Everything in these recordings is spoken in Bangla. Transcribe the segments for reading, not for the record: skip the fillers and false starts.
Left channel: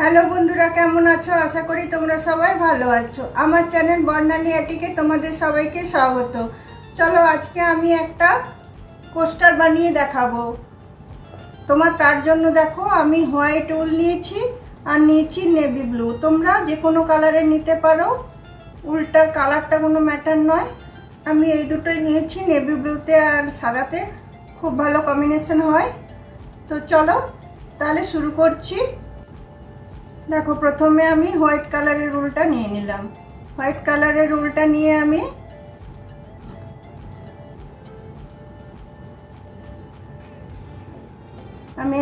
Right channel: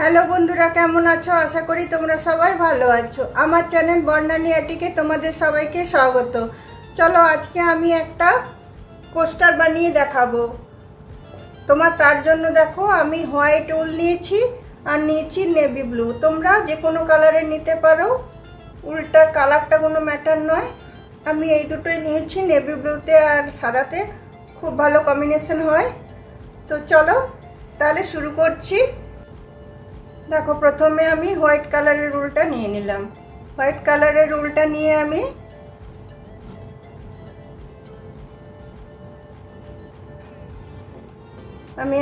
হ্যালো বন্ধুরা, কেমন আছো? আশা করি তোমরা সবাই ভালো আছো। আমার চ্যানেল বর্ণালী আটিকে তোমাদের সবাইকে স্বাগত। চলো আজকে আমি একটা পোস্টার বানিয়ে দেখাবো তার জন্য দেখো আমি হোয়াইট উল নিয়েছি আর নিয়েছি নেভি ব্লু। তোমরা যে কোনো কালারের নিতে পারো, উলটার কালারটা কোনো ম্যাটার নয়। আমি এই দুটোই নিয়েছি, নেভি ব্লুতে আর সাদাতে খুব ভালো কম্বিনেশন হয়। তো চলো তাহলে শুরু করছি। দেখো প্রথমে আমি হোয়াইট কালারের উলটা নিয়ে নিলাম। হোয়াইট কালারের উলটা নিয়ে আমি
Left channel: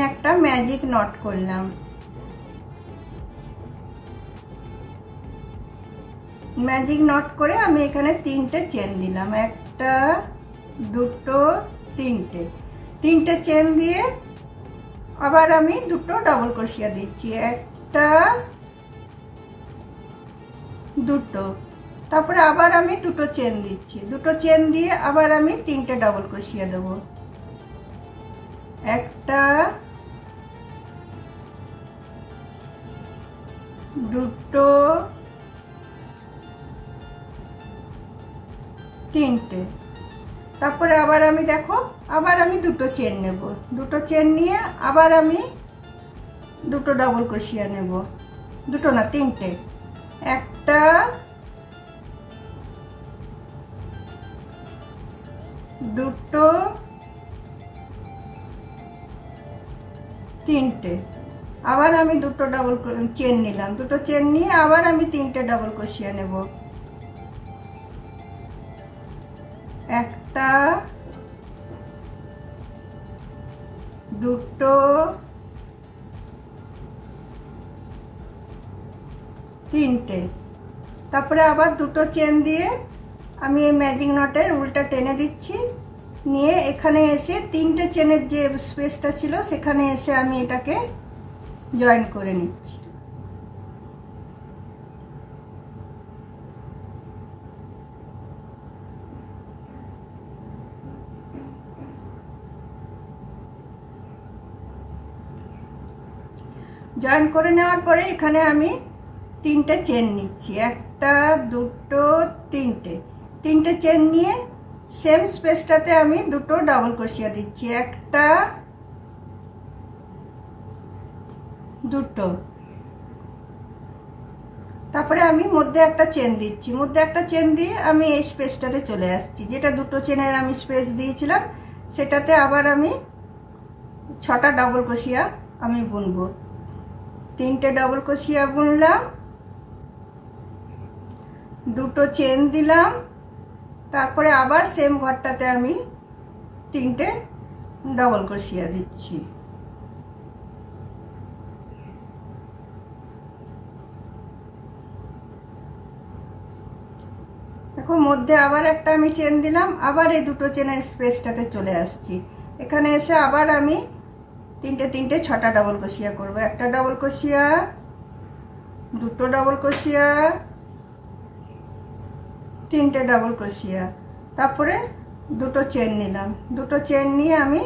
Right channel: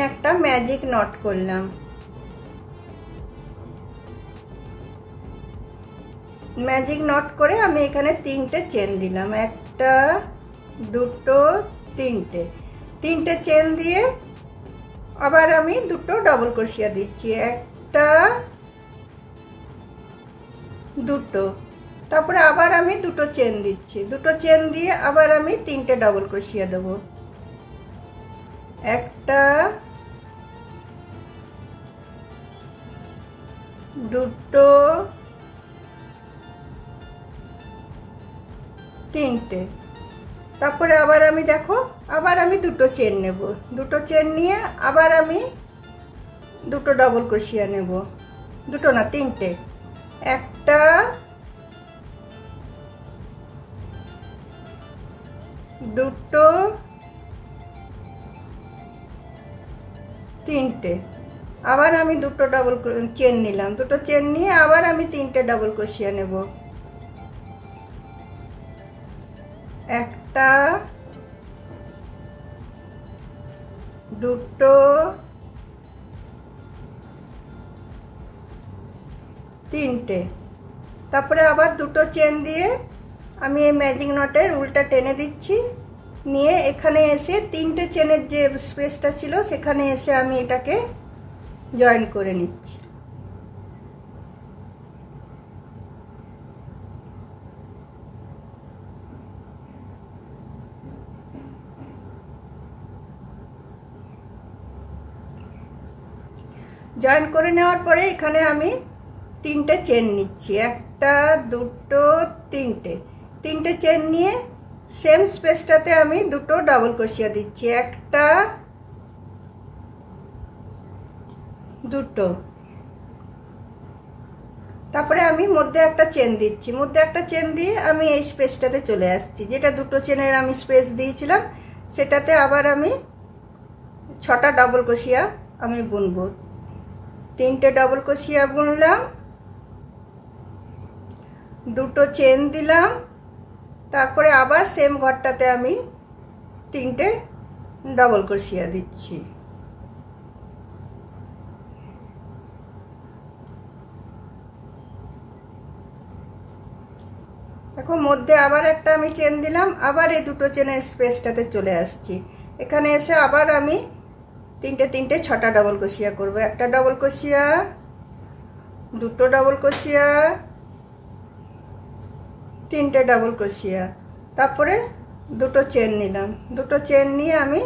একটা ম্যাজিক নট করলাম। ম্যাজিক নট করে আমি এখানে তিনটে চেন দিলাম, একটা দুটো তিনটে চেন দিয়ে আবার আমি দুটো ডাবল ক্রোশিয়া দিচ্ছি, একটা দুটো, তারপরে আবার আমি দুটো চেন দিচ্ছি, দুটো চেন দিয়ে আবার আমি তিনটে ডাবল ক্রোশিয়া দেব, একটা দুটো তিনটে, তারপরে আবার আমি দেখো আবার আমি দুটো চেন নেব, দুটো চেন নিয়ে আবার আমি দুটো ডাবল ক্রোশিয়া নেব, দুটো না তিনটে, একটা দুটো তিনটে, আবার আমি দুটো ডাবল চেন নিলাম, দুটো চেন নিয়ে আবার আমি তিনটে ডাবল ক্রোশিয়া নেব, একটা দুটো তিনটে, তারপরে আবার দুটো চেন দিয়ে আমি এই ম্যাজিক নটের উলটা টেনে দিচ্ছি, নিয়ে এখানে এসে তিনটে চেনের যে স্পেসটা ছিল সেখানে এসে আমি এটাকে জয়েন করে নিচ্ছি। জয়েন করে নেওয়ার পরে এখানে আমি তিনটে চেন নিচ্ছি, একটা দুটো তিনটে চেন নিয়ে সেম স্পেসটাতে আমি দুটো ডাবল ক্রোশিয়া দিচ্ছি, একটা দুটো, তারপরে আমি মধ্যে একটা চেন দিচ্ছি, মধ্যে একটা চেন দিয়ে আমি এই স্পেসটাতে চলে আসছি, যেটা দুটো চেনের আমি স্পেস দিয়েছিলাম সেটাতে আবার আমি 6টা ডাবল ক্রোশিয়া আমি বুনবো, তিনটে ডাবল ক্রোশিয়া বুনলাম, দুটো চেন দিলাম, তারপরে আবার সেম ঘরটাতে আমি তিনটে ডাবল ক্রোশিয়া দিচ্ছি, দেখো মধ্যে আবার একটা আমি চেন দিলাম, আবার এই দুটো চেনের স্পেসটাতে চলে আসছি, এখানে এসে আবার আমি তিনটে 6টা ডাবল ক্রোশিয়া করব, একটা ডাবল ক্রোশিয়া, দুটো ডাবল ক্রোশিয়া, তিনটে ডাবল ক্রোশিয়া, তারপরে দুটো চেন নিলাম, দুটো চেন নিয়ে আমি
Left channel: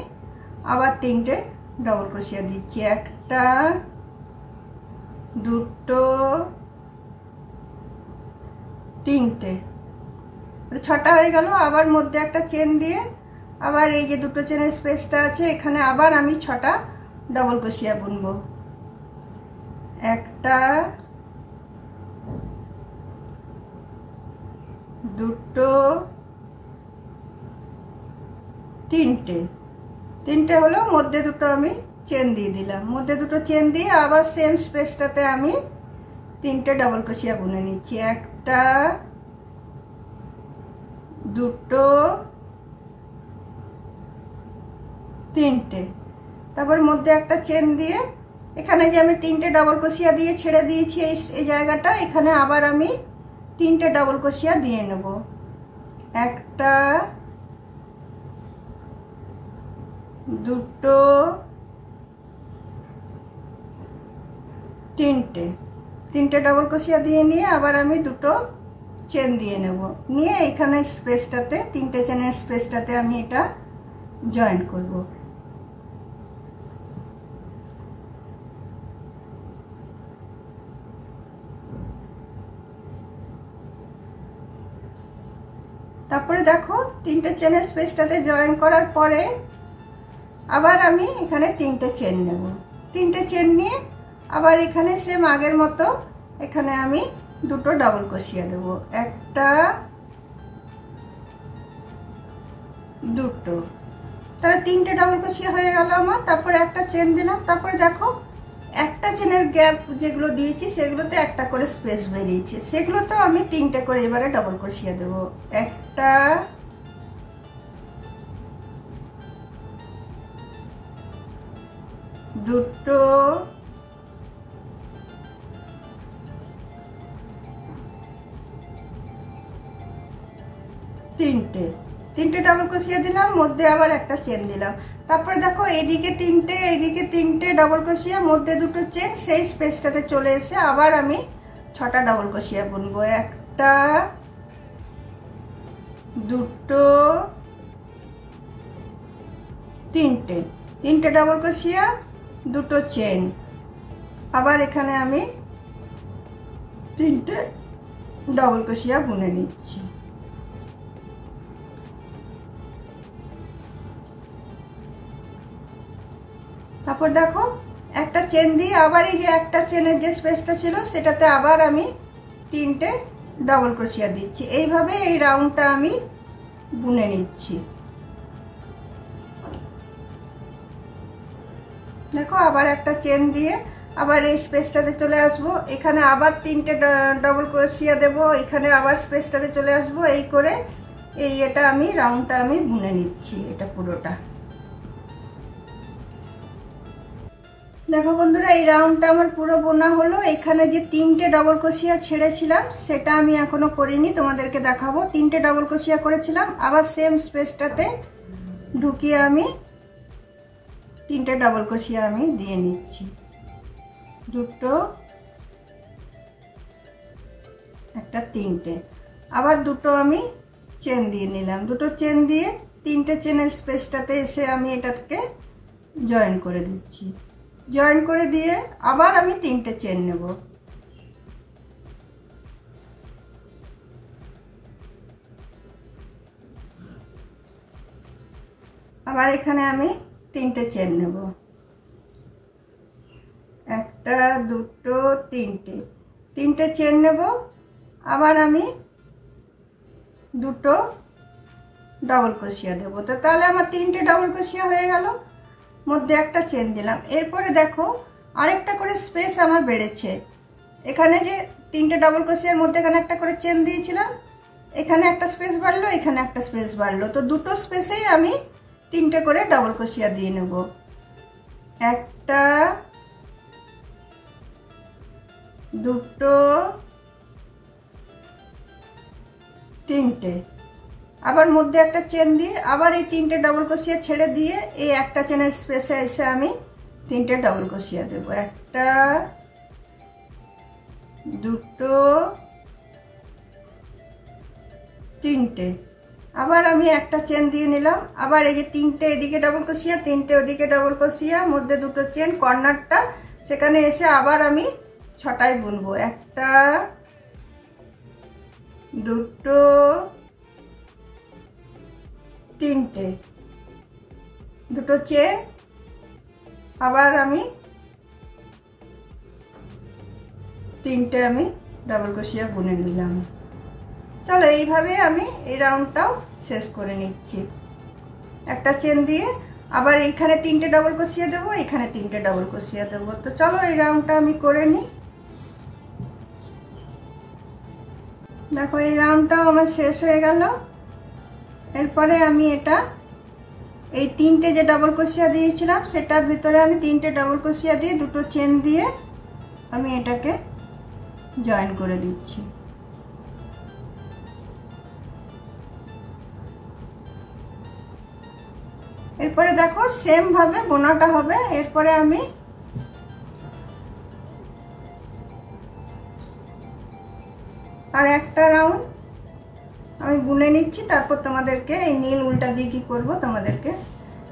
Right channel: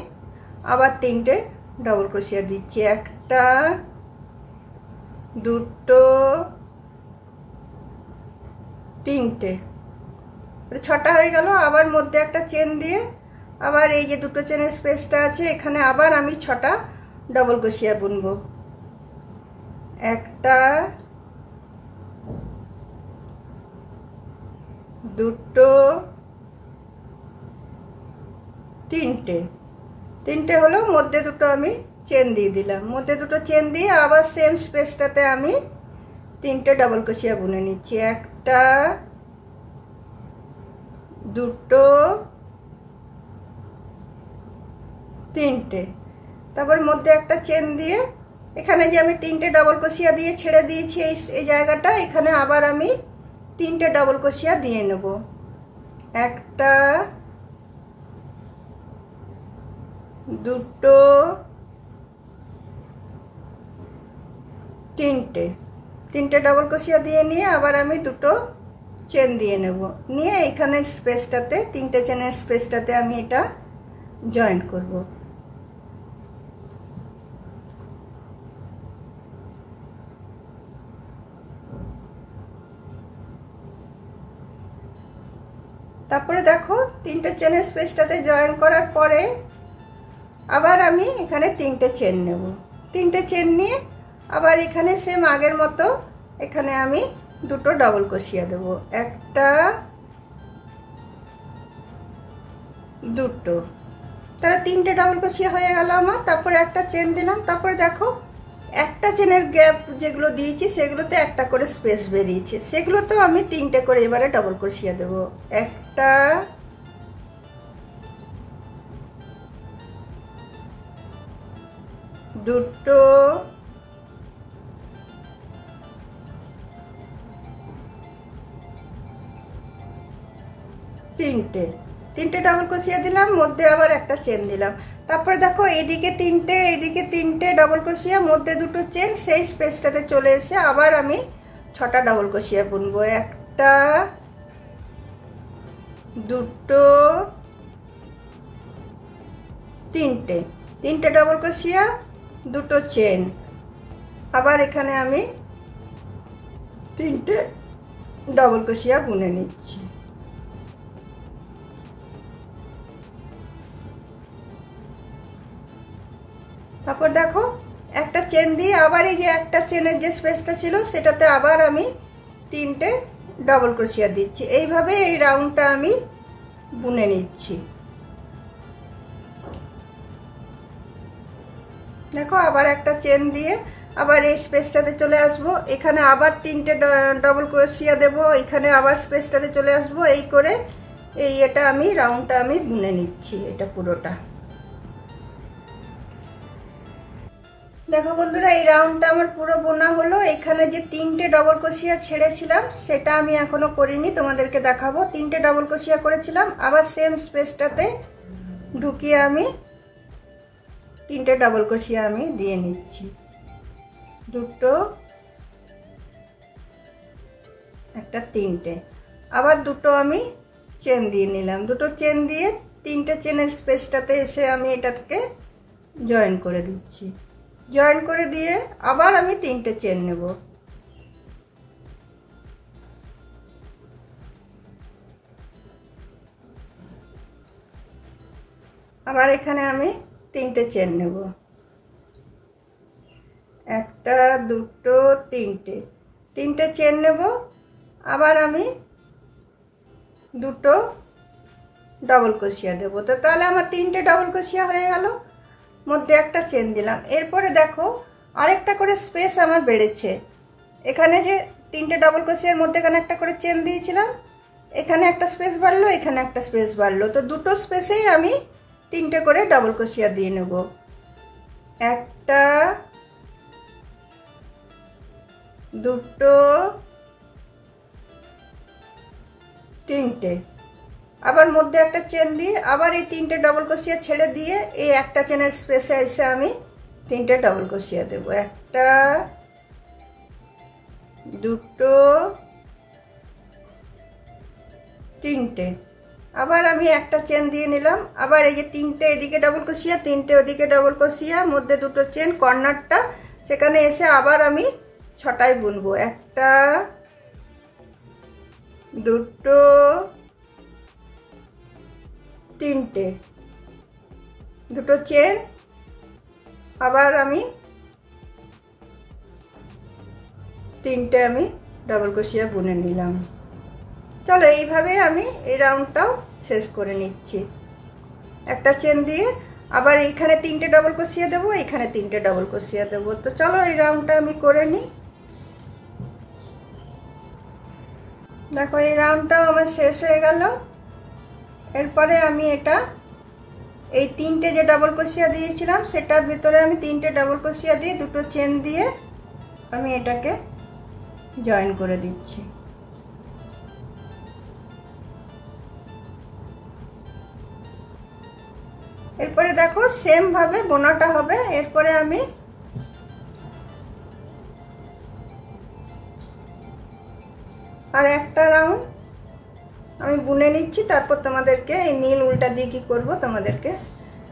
আবার তিনটে ডাবল ক্রোশিয়া দিচ্ছি, একটা দুটো তিনটে, 6টা হয়ে গেল। আবার মধ্যে একটা চেন দিয়ে আবার এই যে দুটো চেনের স্পেসটা আছে এখানে আবার আমি 6টা ডাবল ক্রোশিয়া বুনবো, একটা দুটো তিনটে হলো, মধ্যে দুটো আমি চেন দিয়ে দিলাম, মধ্যে দুটো চেন দিয়ে আবার সেম স্পেসটাতে আমি তিনটে ডাবল ক্রোশিয়া বুনে নিচ্ছি, একটা দুটো তিনটে, তারপর মধ্যে একটা চেন দিয়ে এখানে যে আমি তিনটে ডাবল ক্রোশিয়া দিয়ে ছেড়ে দিয়েছি এই জায়গাটা, এখানে আবার আমি তিনটে ডাবল ক্রোশিয়া দিয়ে নেব, একটা দুটো তিনটে ডাবল ক্রোশিয়া দিয়ে নিয়ে আবার আমি দুটো চেন দিয়ে নেব, নিয়ে এখানের স্পেসটাতে তিনটে চেনের স্পেসটাতে আমি এটা জয়েন করব, তারপরে দেখো তিনটে চেনের স্পেসটাতে জয়েন করার পরে আবার আমি এখানে তিনটে চেন নেব। তিনটে চেন নিয়ে আবার এখানে সেম আগের মতো এখানে আমি দুটো ডাবল ক্রোশিয়া দেব, একটা দুটো, তাহলে তিনটে ডাবল ক্রোশিয়া হয়ে গেল আমার। তারপরে একটা চেন দিলাম, তারপরে দেখো একটা চেনের গ্যাপ যেগুলো দিয়েছি সেগুলোতে একটা করে স্পেস বেরিয়েছে, সেগুলোতেও আমি তিনটে করে এবারে ডাবল ক্রোশিয়া দেব, একটা দুটো তিনটে, তিনটে ডাবল ক্রোশিয়া দিলাম, মধ্যে আবার একটা চেন দিলাম। তারপরে দেখো এদিকে তিনটে এদিকে তিনটে ডাবল ক্রোশিয়া, মধ্যে দুটো চেন, সেই স্পেসটাতে চলে এসে আবার আমি ছটা ডাবল ক্রোশিয়া বুনবো, একটা দুটো তিনটে, তিনটে ডাবল ক্রোশিয়া দুটো চেন, আবার এখানে আমি তিনটে ডাবল ক্রোশিয়া বুনে নিচ্ছি। তারপর দেখো একটা চেন দিয়ে আবার এই যে একটা চেনের যে স্পেসটা ছিল সেটাতে আবার আমি তিনটে ডাবল ক্রোশিয়া দিচ্ছি, এইভাবে এই রাউন্ডটা আমি বুনে নিচ্ছি। দেখো আবার একটা চেন দিয়ে আবার এই স্পেসটাতে চলে আসব, এখানে আবার তিনটে ডাবল ক্রোশিয়া দেব, এখানে আবার স্পেসটাতে চলে আসব, এই করে এই এটা আমি রাউন্ডটা আমি বুনে নিচ্ছি এটা পুরোটা। দেখো বন্ধুরা এই রাউন্ডটা আমার পুরো বোনা হলো। এখানে যে তিনটে ডাবল ক্রোশিয়া ছেড়েছিলাম সেটা আমি এখনো করিনি, তোমাদেরকে দেখাবো। তিনটে ডাবল ক্রোশিয়া করেছিলাম, আবার সেম স্পেসটাতে ঢুকিয়ে আমি তিনটে ডাবল ক্রোশিয়া আমি দিয়ে নিচ্ছি, দুটো একটা তিনটে, আবার দুটো আমি চেন দিয়ে নিলাম, দুটো চেন দিয়ে তিনটে চেনের স্পেসটাতে এসে আমি এটাকে জয়েন করে দিচ্ছি, জয়েন করে দিয়ে আবার আমি তিনটে চেন নেব, আবার এখানে আমি তিনটে চেন নেব, একটা দুটো তিনটে, তিনটে চেন নেব, আবার আমি দুটো ডাবল ক্রোশিয়া দেব। তো তাহলে আমার তিনটে ডাবল ক্রোশিয়া হয়ে গেল, মধ্যে একটা চেন দিলাম। এরপরে দেখো আরেকটা করে স্পেস আমার বেড়েছে, এখানে যে তিনটে ডাবল ক্রোশিয়ার মধ্যে এখানে একটা করে চেন দিয়েছিলাম, এখানে একটা স্পেস বাড়লো, এখানে একটা স্পেস বাড়লো, তো দুটো স্পেসেই আমি তিনটে করে ডাবল ক্রোশিয়া দিয়ে নেব, একটা দুটো তিনটে, আবার মধ্যে একটা চেন দিয়ে আবার এই তিনটে ডাবল ক্রোশিয়া ছেড়ে দিয়ে এই একটা চেনের স্পেসে এসে আমি তিনটে ডাবল ক্রোশিয়া দেব, একটা দুটো তিনটে, আবার আমি একটা চেন দিয়ে নিলাম, আবার এই যে তিনটে এদিকে ডাবল ক্রোশিয়া তিনটে ওদিকে ডাবল ক্রোশিয়া, মধ্যে দুটো চেন, কর্নারটা সেখানে এসে আবার আমি ছটায় বুনবো, একটা দুটো তিনটে, দুটো চেন, আবার আমি তিনটে আমি ডাবল ক্রোশিয়া বুনে নিলাম। চলো এইভাবে আমি এই রাউন্ডটাও শেষ করে নিচ্ছি, একটা চেন দিয়ে আবার এইখানে তিনটে ডাবল ক্রোশিয়া দেবো, এখানে তিনটে ডাবল ক্রোশিয়া দেবো। তো চলো এই রাউন্ডটা আমি করে নিই। দেখো এই রাউন্ডটাও আমার শেষ হয়ে গেল। এরপরে আমি এটা এই তিনটে যে ডাবল ক্রোশিয়া দিয়েছিলাম সেটার ভিতরে আমি তিনটে ডাবল ক্রোশিয়া দিয়ে দুটো চেন দিয়ে আমি এটাকে জয়েন করে দিচ্ছি। এরপরে দেখো সেম ভাবে বোনাটা হবে। এরপরে আমি আর একটা রাউন্ড আমি বুনে নিচ্ছি, তারপর তোমাদেরকে এই নীল উল্টা দিয়ে কি করবো তোমাদেরকে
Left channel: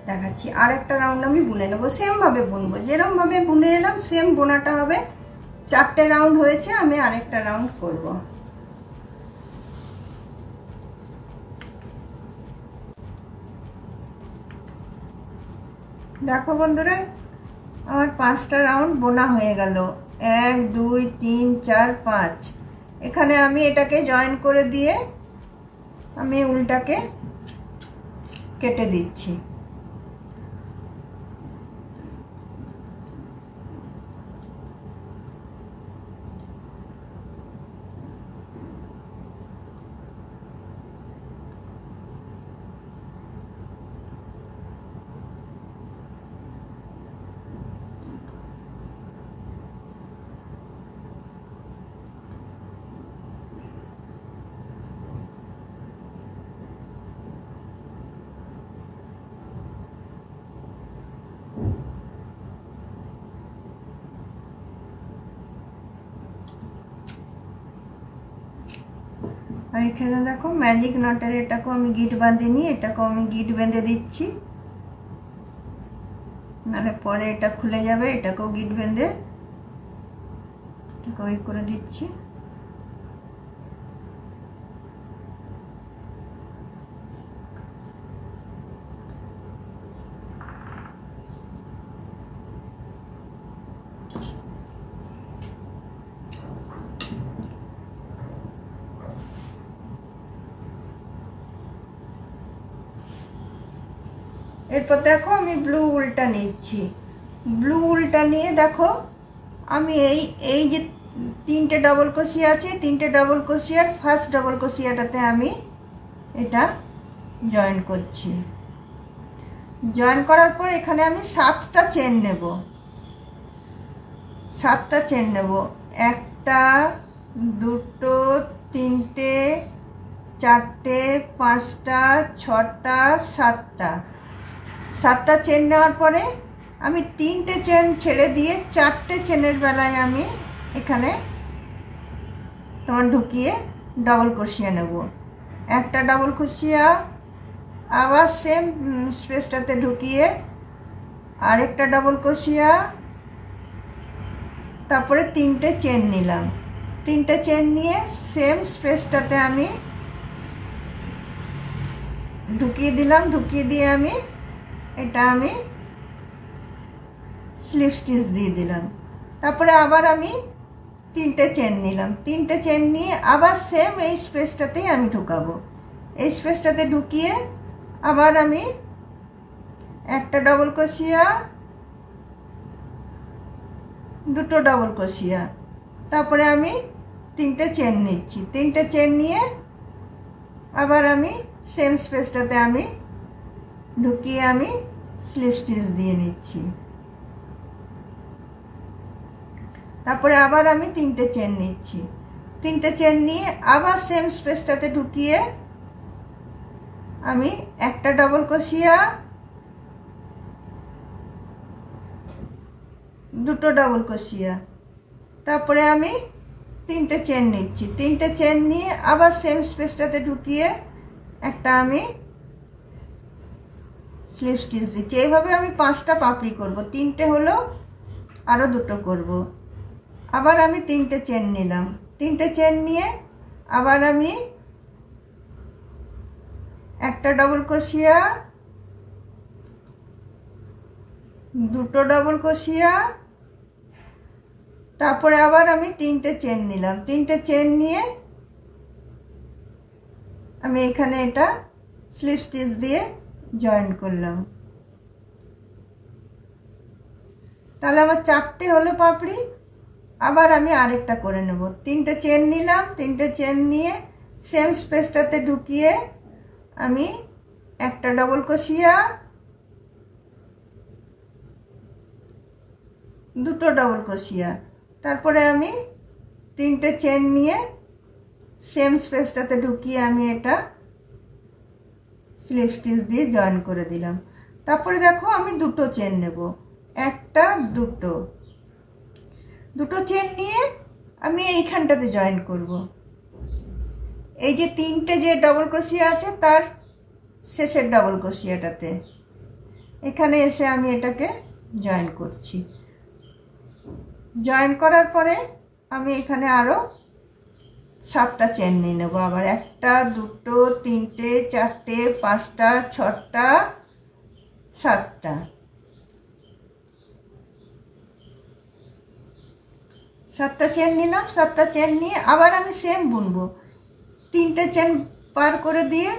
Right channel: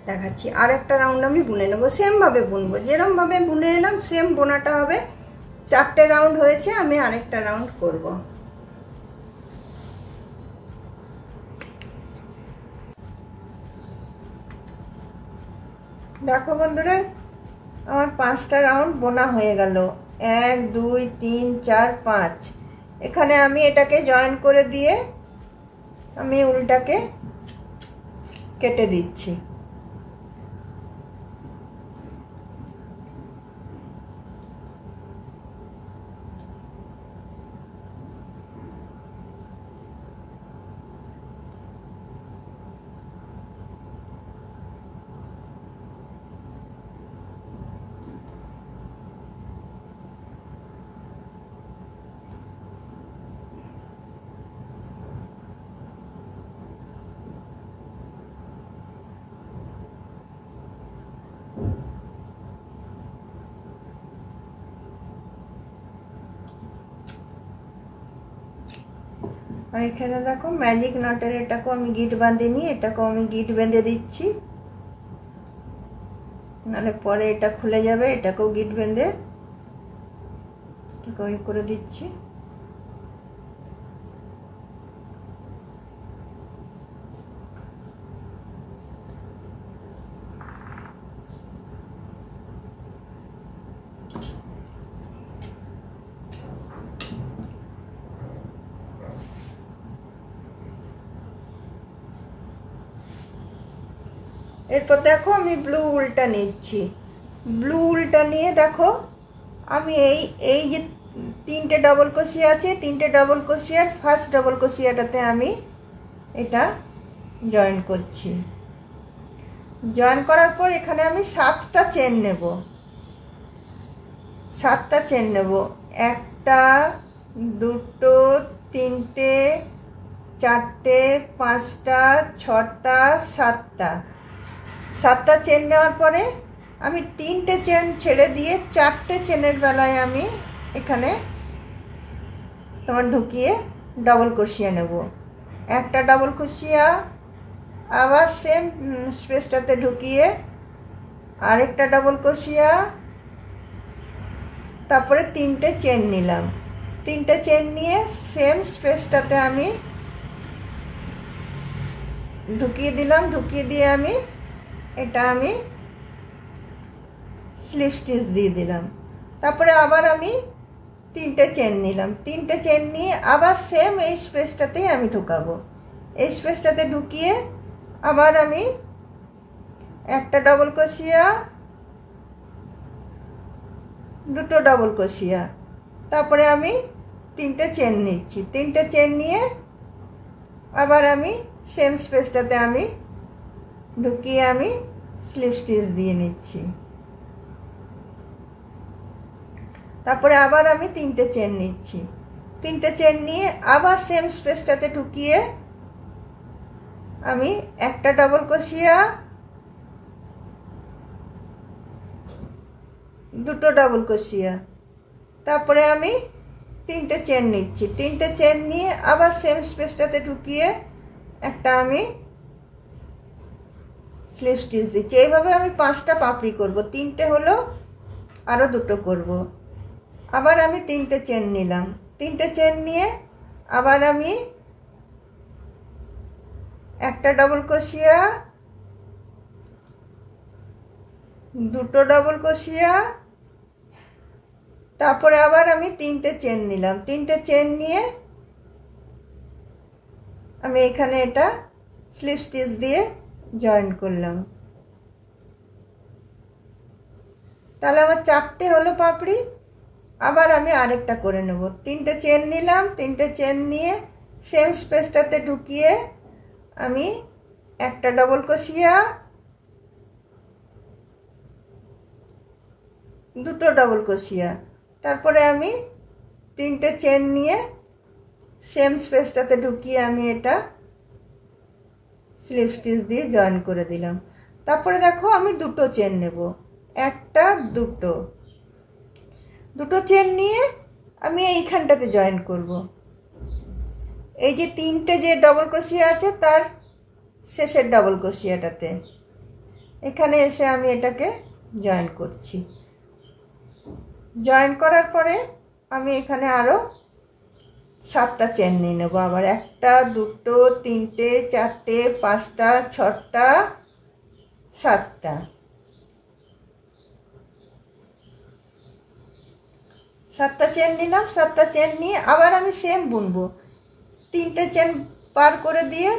দেখাচ্ছি। আর একটা রাউন্ড আমি বুনে নেবো, সেম ভাবে বুনবো, যেরকম ভাবে বুনে এলাম সেম বোনাটা হবে। চারটে রাউন্ড হয়েছে, আমি আরেকটা রাউন্ড করব। দেখো বন্ধুরা, আমার 5টা রাউন্ড বোনা হয়ে গেল। 1 2 3 4 5। এখানে আমি এটাকে জয়েন করে দিয়ে আমি উল্টাকে কেটে দিচ্ছি। আর এখানে দেখো ম্যাজিক নটের এটাকেও আমি গিট বাঁধিনি, এটাকেও আমি গিট বেঁধে দিচ্ছি, নাহলে পরে এটা খুলে যাবে। এটাকেও গিট বেঁধে এটাকে করে দিচ্ছি। এরপর দেখো আমি ব্লু উলটা নিচ্ছি। ব্লু উলটা নিয়ে দেখো আমি এই যে 3টে ডবল ক্রোশিয়া আছে, 3টে ডবল ক্রোশিয়ার ফার্স্ট ডবল ক্রোশিয়াটাতে আমি এটা জয়েন করছি। জয়েন করার পর এখানে আমি 7টা চেন নেব। 7টা চেন নেব। 1টা 2টো 3টে 4টে 5টা 6টা 7টা। 7টা চেন নেওয়ার পরে আমি 3টে চেন ছেড়ে দিয়ে 4টে চেনের বেলায় আমি এখানে তোমার ঢুকিয়ে ডবল ক্রোশিয়া নেব। একটা ডবল ক্রোশিয়া, আবার সেম স্পেসটাতে ঢুকিয়ে আরেকটা ডবল ক্রোশিয়া, তারপরে 3টে চেন নিলাম। 3টে চেন নিয়ে সেম স্পেসটাতে আমি ঢুকিয়ে দিলাম। ঢুকিয়ে দিয়ে আমি এটা আমি স্লিপ স্টিচ দিয়ে দিলাম। তারপরে আবার আমি 3টে চেন নিলাম। 3টে চেন নিয়ে আবার সেম এই স্পেসটাতেই আমি ঢুকাবো। এই স্পেসটাতে ঢুকিয়ে আবার আমি একটা ডবল ক্রোশিয়া, দুটো ডবল ক্রোশিয়া, তারপরে আমি 3টে চেন নিচ্ছি। 3টে চেন নিয়ে আবার আমি সেম স্পেসটাতে আমি ঢুকিয়ে আমি স্লিপ স্টিচ দিয়ে নিচ্ছি। তারপরে আবার আমি 3টে চেন নিচ্ছি। 3টে চেন নিয়ে আবার সেম স্পেসটাতে ঢুকিয়ে আমি একটা ডবল ক্রোশিয়া, দুটো ডবল ক্রোশিয়া, তারপরে আমি 3টে চেন নিচ্ছি। 3টে চেন নিয়ে আবার সেম স্পেসটাতে ঢুকিয়ে একটা আমি স্লিপ স্টিচ দিচ্ছি। এইভাবে আমি 5টা পাপড়ি করব। 3টে হলো, আরও দুটো করব। আবার আমি 3টে চেন নিলাম। 3টে চেন নিয়ে আবার আমি একটা ডবল ক্রোশিয়া, দুটো ডবল ক্রোশিয়া, তারপরে আবার আমি 3টে চেন নিলাম। 3টে চেন নিয়ে আমি এখানে এটা স্লিপ স্টিচ দিয়ে জয়েন করলাম। তাহলে আমার 4টে হলো পাপড়ি। আবার আমি আরেকটা করে নেব। 3টে চেন নিলাম। 3টে চেন নিয়ে সেম স্পেসটাতে ঢুকিয়ে আমি একটা ডবল ক্রোশিয়া, দুটো ডবল ক্রোশিয়া, তারপরে আমি 3টে চেন নিয়ে সেম স্পেসটাতে ঢুকিয়ে আমি এটা স্লিপ স্টিচ দিয়ে জয়েন করে দিলাম। তারপরে দেখো আমি দুটো চেন নেব। একটা দুটো চেন নিয়ে আমি এইখানটাতে জয়েন করব। এই যে 3টে যে ডবল ক্রোশিয়া আছে তার শেষের ডবল ক্রোশিয়াটাতে এখানে এসে আমি এটাকে জয়েন করছি। জয়েন করার পরে আমি এখানে আরও 7টা চেন নিয়ে নেব। আবার একটা, দুটো, 3টে, 4টে, 5টা, 6টা, 7টা। 7টা চেন নিলাম। 7টা চেন নিয়ে আবার আমি সেম বুনবো। 3টে চেন পার করে দিয়ে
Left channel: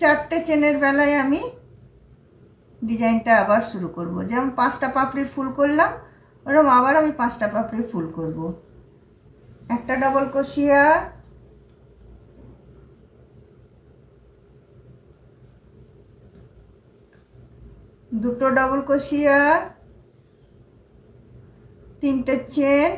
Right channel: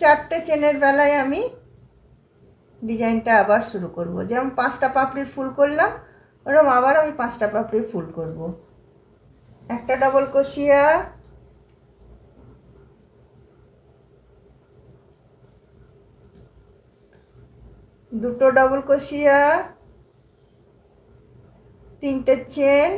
4টে চেনের বেলায় আমি ডিজাইনটা আবার শুরু করব। যেমন 5টা পাপড়ির ফুল করলাম, ওরকম আবার আমি 5টা পাপড়ির ফুল করব। একটা ডাবল ক্রোশিয়া, দুটো ডাবল ক্রোশিয়া, 3টে চেন,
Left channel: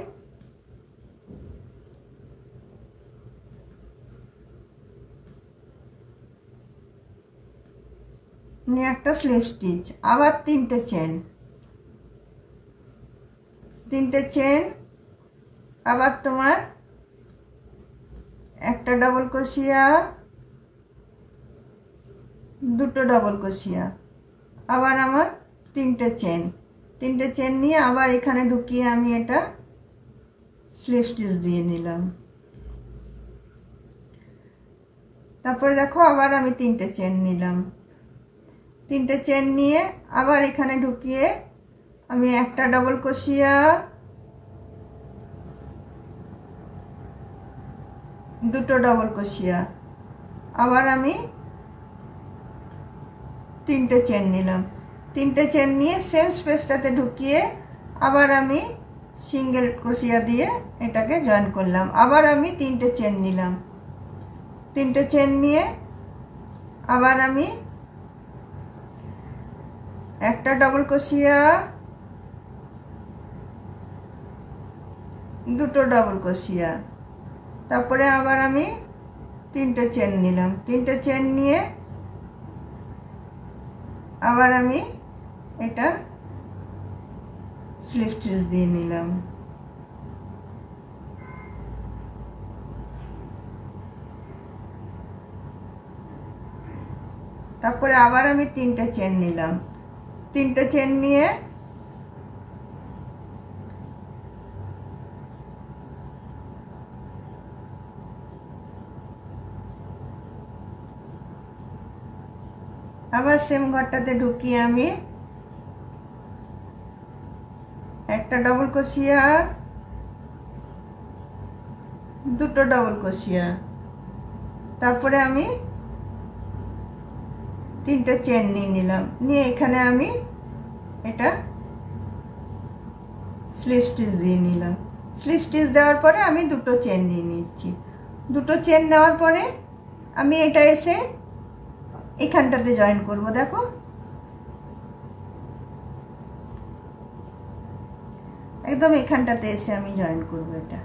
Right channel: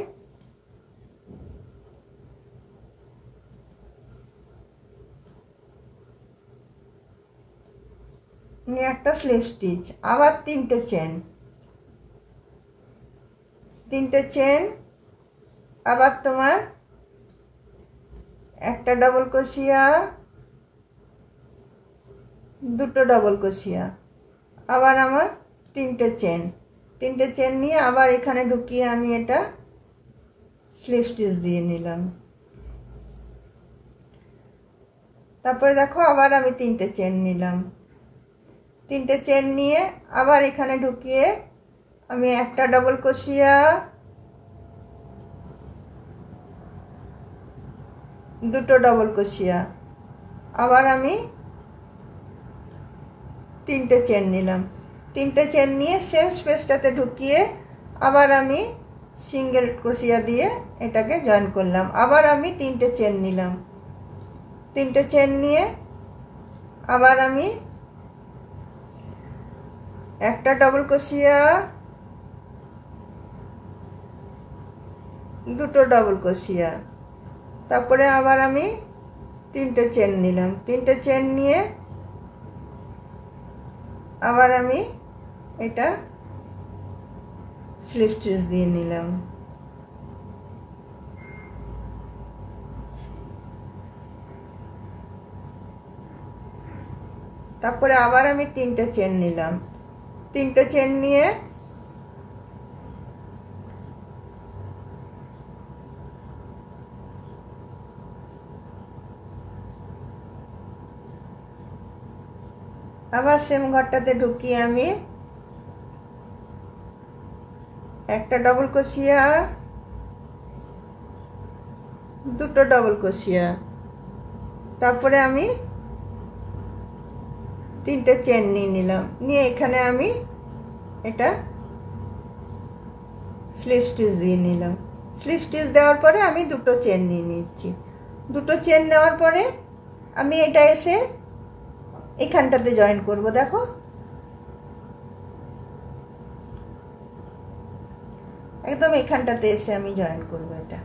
একটা স্লিপ স্টিচ, আবার 3টে চেন, 3টে চেন, আবার তোমার একটা ডাবল ক্রোশিয়া, দুটো ডাবল ক্রোশিয়া, আবার আমার 3টে চেন, 3টে চেন নিয়ে আবার এখানে ঢুকিয়ে আমি এটা স্লিপ স্টিচ দিয়ে নিলাম। তারপরে দেখো আবার আমি 3টে চেন নিলাম। 3টে চেন নিয়ে আবার এখানে ঢুকিয়ে আমি একটা ডাবল ক্রোশিয়া, দুটো ডাবল ক্রোশিয়া, আবার আমি 3টে চেন নিলাম। 3টে চেন নিয়ে সেম স্পেসটাতে ঢুকিয়ে আবার আমি সিঙ্গেল ক্রোশিয়া দিয়ে এটাকে জয়েন করলাম। আবার আমি 3টে চেন নিলাম। 3টে চেন নিয়ে আবার আমি একটা ডাবল ক্রোশিয়া, দুটো ডাবল ক্রোশিয়া, তারপরে আবার আমি 3টে চেন নিলাম। 3টে চেন নিয়ে আবার আমি এটা স্লিপ স্টিচ দিয়ে নিলাম। তারপরে আবার আমি 3টে চেন নিলাম। 3টে চেন নিয়ে আবার সেম ঘরটাতে ঢুকিয়ে আমি একটা ডাবল ক্রোশিয়া, দুটো ডাবল ক্রোশিয়া, তারপরে আমি 3টে চেন নিয়ে নিলাম। নিয়ে এখানে আমি এটা স্লিপ স্টিচ দিয়ে নিলাম। স্লিপ স্টিচ দেওয়ার পরে আমি দুটো চেন নিয়ে নিচ্ছি। দুটো চেন নেওয়ার পরে আমি এটা এসে এখানটাতে জয়েন করব। দেখো একদম এখানটাতে এসে আমি জয়েন করব। এটা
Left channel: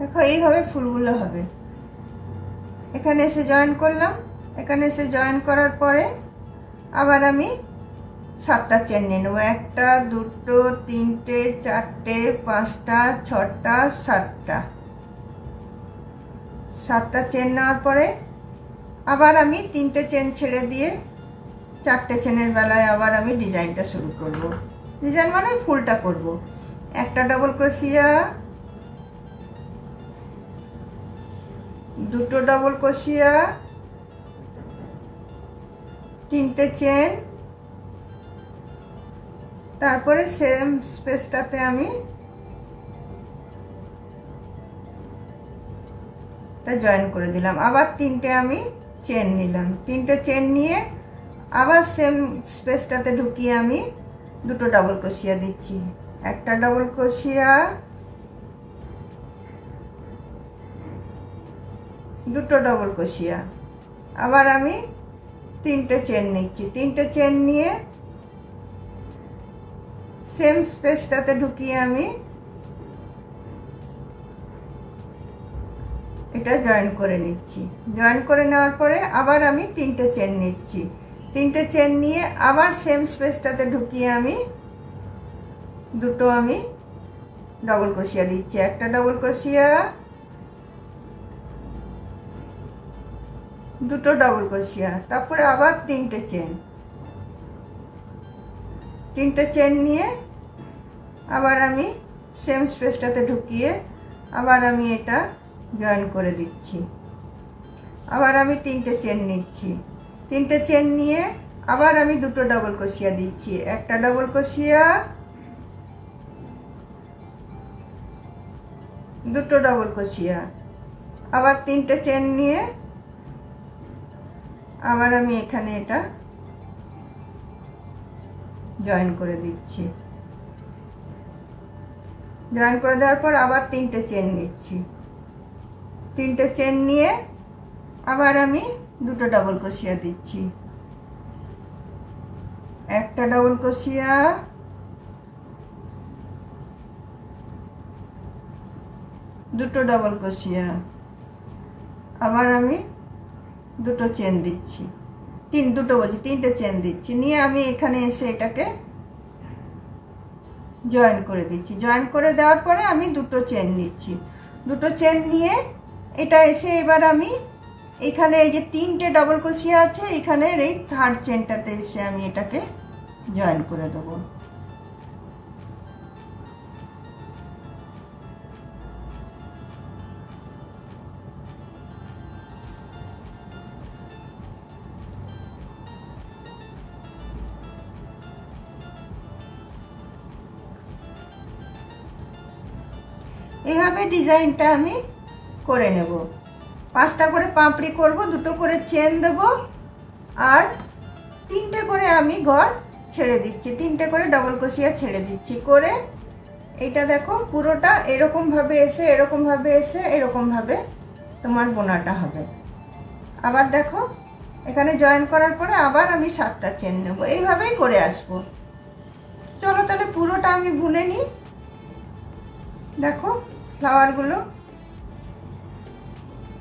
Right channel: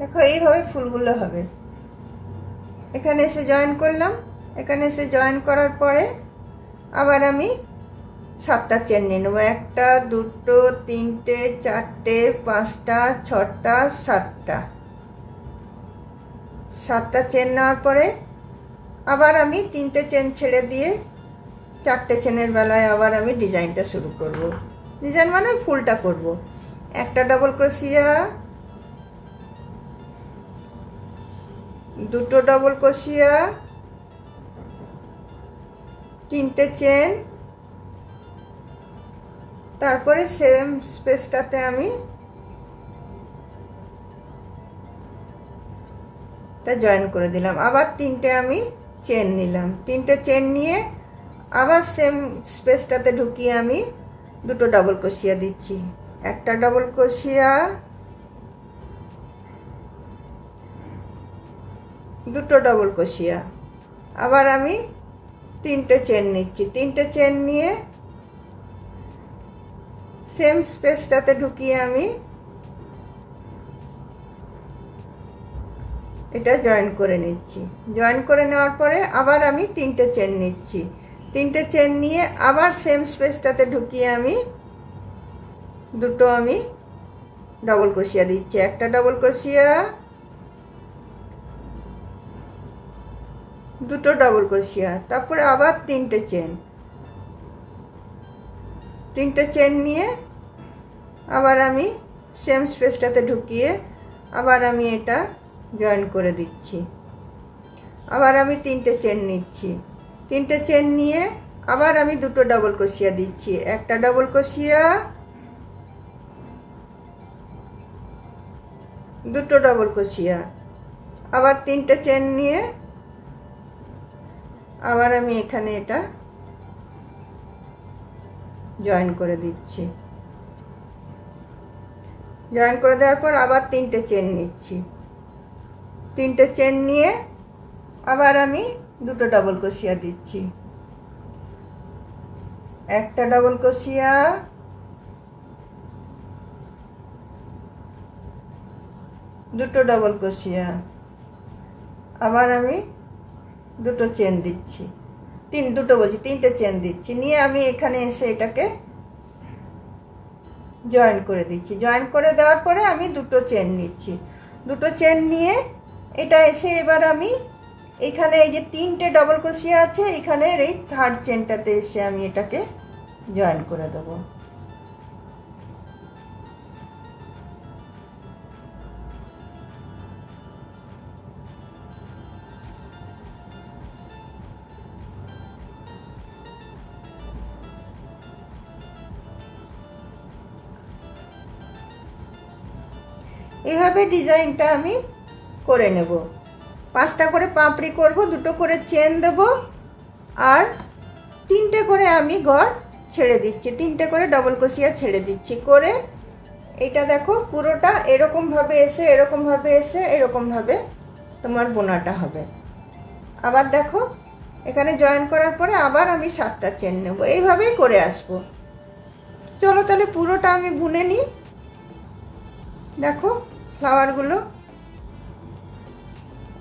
দেখো এইভাবে ফুলগুলো হবে। এখানে এসে জয়েন করলাম। এখানে এসে জয়েন করার পরে আবার আমি 7টা চেন নিয়ে নেবো। একটা, দুটো, 3টে, 4টে, 5টা, 6টা, 7টা। 7টা চেন নেওয়ার পরে আবার আমি 3টে চেন ছেড়ে দিয়ে 4টে চেনের বেলায় আবার আমি ডিজাইনটা শুরু করব। ডিজাইন মানে ফুলটা করব। একটা ডাবল ক্রোশিয়া, দুটো ডাবল ক্রোশিয়া, 3টে চেন, তারপরে সেম স্পেসটাতে আমি এটা জয়েন করে দিলাম। আবার 3টে আমি চেন নিলাম। 3টে চেন নিয়ে আবার সেম স্পেসটাতে ঢুকিয়ে আমি দুটো ডাবল ক্রোশিয়া দিচ্ছি। একটা ডাবল ক্রোশিয়া, দুটো ডাবল ক্রোশিয়া, আবার আমি 3টে চেন নিচ্ছি। 3টে চেন নিয়ে সেম স্পেসটাতে ঢুকিয়ে আমি এটা জয়েন করে নিচ্ছি। জয়েন করে নেওয়ার পরে আবার আমি 3টে চেন নিচ্ছি। 3টে চেন নিয়ে আবার সেম স্পেসটাতে ঢুকিয়ে আমি দুটো আমি ডাবল ক্রোশিয়া দিচ্ছি। একটা ডাবল ক্রোশিয়া, দুটো ডবল ক্রোশিয়া, তারপরে আবার তিনটে চেন নিয়ে আবার আমি সেম স্পেসটাতে ঢুকিয়ে আবার আমি এটা জয়েন করে দিচ্ছি। আবার আমি তিনটে চেন নিচ্ছি, তিনটে চেন নিয়ে আবার আমি দুটো ডবল ক্রোশিয়া দিচ্ছি, একটা ডবল ক্রোশিয়া, দুটো ডবল ক্রোশিয়া, আবার তিনটে চেন নিয়ে আবার আমি এখানে এটা জয়েন করে দিচ্ছি। জয়েন করে দেওয়ার পর আবার তিনটে চেন নিচ্ছি, তিনটে চেন নিয়ে আবার আমি দুটো ডবল ক্রোশিয়া দিচ্ছি, একটা ডবল ক্রোশিয়া, দুটো ডবল ক্রোশিয়া, আবার আমি দুটো চেন দিচ্ছি, তিনটে চেন দিচ্ছি, নিয়ে আমি এখানে এসে এটাকে জয়েন করে দিচ্ছি। জয়েন করে দেওয়ার পরে আমি দুটো চেন নিচ্ছি, দুটো চেন নিয়ে এটা এসে এবার আমি এখানে এই যে তিনটে ডবল ক্রোশিয়া আছে এখানের এই থার্ড চেনটাতে এসে আমি এটাকে জয়েন করে দেবো। এইভাবে ডিজাইনটা আমি করে নেব। 5টা করে পাপড়ি করব, দুটো করে চেন দেব আর তিনটে করে আমি ঘর ছেড়ে দিচ্ছি, তিনটে করে ডবল ক্রোশিয়া ছেড়ে দিচ্ছি। করে এটা দেখো পুরোটা এরকম ভাবে এসে এরকম ভাবে তোমার বোনাটা হবে। আবার দেখো এখানে জয়েন করার পরে আবার আমি 7টা চেন নেব, এইভাবেই করে আসবো। চলো তাহলে পুরোটা আমি বুনে নিই। দেখো ফ্লাওয়ারগুলো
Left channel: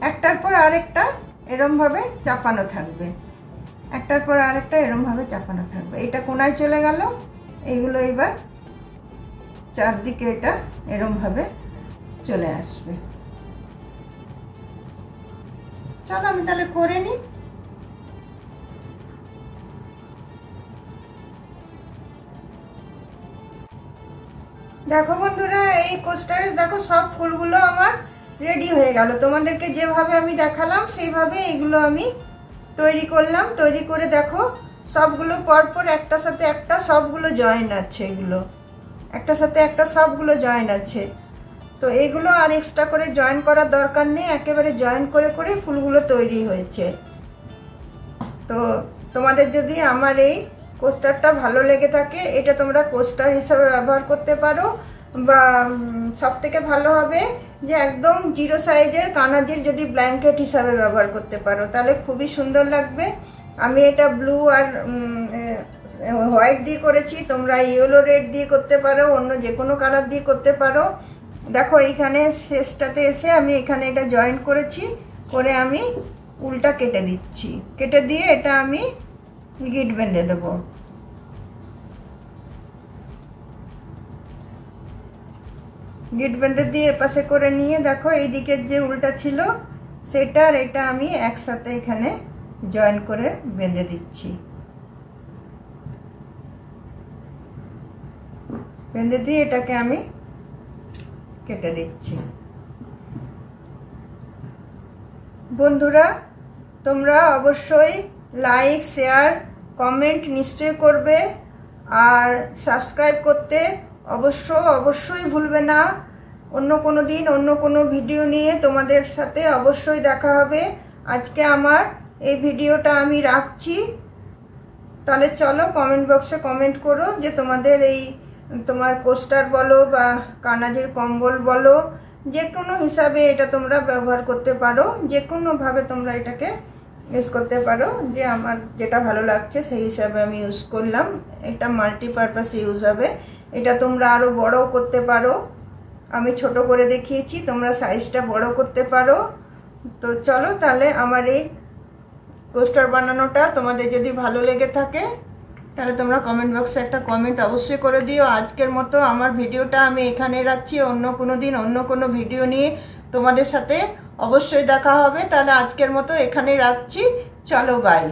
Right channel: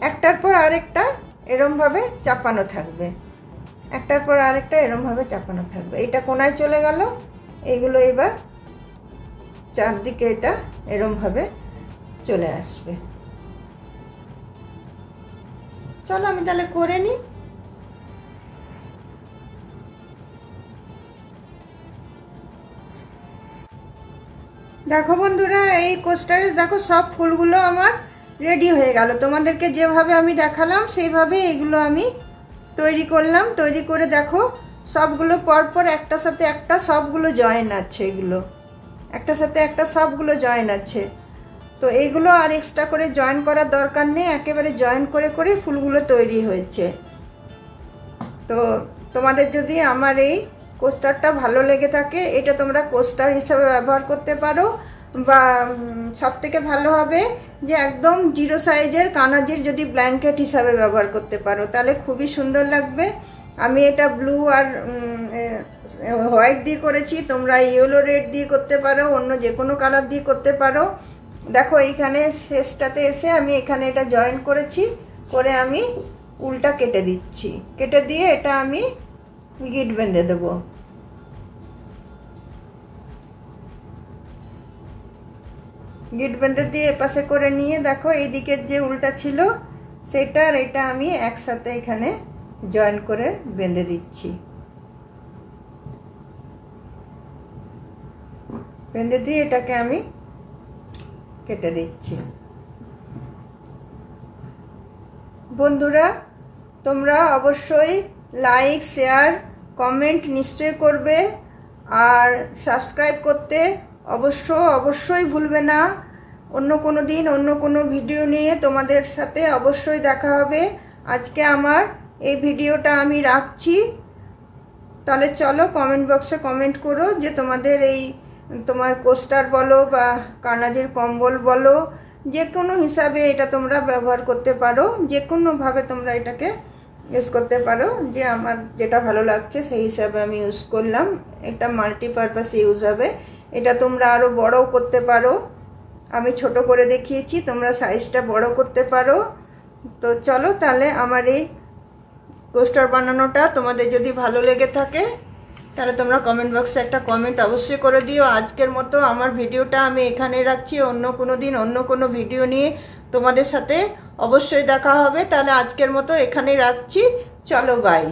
একটার পর আরেকটা এরকম ভাবে চাপানো থাকবে, একটার পর আরেকটা এরকম ভাবে চাপানো থাকবে। এটা কোনায় চলে গেল, এইগুলো এবার চারদিকে এটা এরকম ভাবে চলে আসবে। চলো আমি তাহলে করে নিই। দেখো বন্ধুরা, এই কোস্টারে দেখো সব ফুলগুলো আমার রেডি হয়ে গেল। তোমাদেরকে যেভাবে আমি দেখালাম সেইভাবে এগুলো আমি তৈরি করলাম। তৈরি করে দেখো সবগুলো পরপর একটার সাথে একটা সবগুলো জয়েন আছে, এগুলো একটার সাথে একটা সবগুলো জয়েন আছে। তো এইগুলো আর এক্সট্রা করে জয়েন করার দরকার নেই, একেবারে জয়েন করে করে ফুলগুলো তৈরি হয়েছে। তো তোমাদের যদি আমার এই কোস্টারটা ভালো লেগে থাকে, এটা তোমরা কোস্টার হিসাবে ব্যবহার করতে পারো, বা সবথেকে ভালো হবে যে একদম 0 সাইজের কানাজির যদি ব্ল্যাঙ্কেট হিসাবে ব্যবহার করতে পারো, তাহলে খুবই সুন্দর লাগবে। আমি এটা ব্লু আর হোয়াইট দিয়ে করেছি, তোমরা ইয়েলো রেড দিয়ে করতে পারো, অন্য যে কোনো কালার দিয়ে করতে পারো। দেখো এইখানে শেষটাতে এসে আমি এখানে এটা জয়েন করেছি, করে আমি উল্টা কেটে দিচ্ছি, কেটে দিয়ে এটা আমি গিট বেঁধে দেবো। গিট বেঁধে দিয়ে এপাশে করে নিয়ে দেখো এই দিকের যে উল্টা ছিল সেটা আর এটা আমি একসাথে এখানে জয়েন করে বেঁধে দিচ্ছি। বেঁধে দিয়ে এটাকে আমি কেটে দিচ্ছি। বন্ধুরা তোমরা অবশ্যই লাইক, শেয়ার, কমেন্ট নিশ্চয়ই করবে, আর সাবস্ক্রাইব করতে অবশ্যই ভুলবে না। অন্য কোনো দিন অন্য কোনো ভিডিও নিয়ে তোমাদের সাথে অবশ্যই দেখা হবে। আজকে আমার এই ভিডিওটা আমি রাখছি। তাহলে চলো কমেন্ট বক্সে কমেন্ট করো যে তোমাদের এই তোমার কোস্টার বলো বা কানাজির কম্বল বলো, যে কোনো হিসাবে এটা তোমরা ব্যবহার করতে পারো, যে কোনোভাবে তোমরা এটাকে ইউজ করতে পারো। যে আমার যেটা ভালো লাগছে সেই হিসাবে আমি ইউজ করলাম। এটা মাল্টিপারপাস ইউজ হবে। এটা তোমরা আরও বড়ও করতে পারো, আমি ছোট করে দেখিয়েছি, তোমরা সাইজটা বড় করতে পারো। তো চলো তাহলে আমার এই কোস্টার বানানোটা তোমাদের যদি ভালো লেগে থাকে তাহলে তোমরা কমেন্ট বক্সে একটা কমেন্ট অবশ্যই করে দিও। আজকের মতো আমার ভিডিওটা আমি এখানে রাখছি। অন্য কোনো দিন অন্য কোনো ভিডিও নিয়ে তোমাদের সাথে অবশ্যই দেখা হবে। তাহলে আজকের মতো এখানে রাখছি। চলো বাই।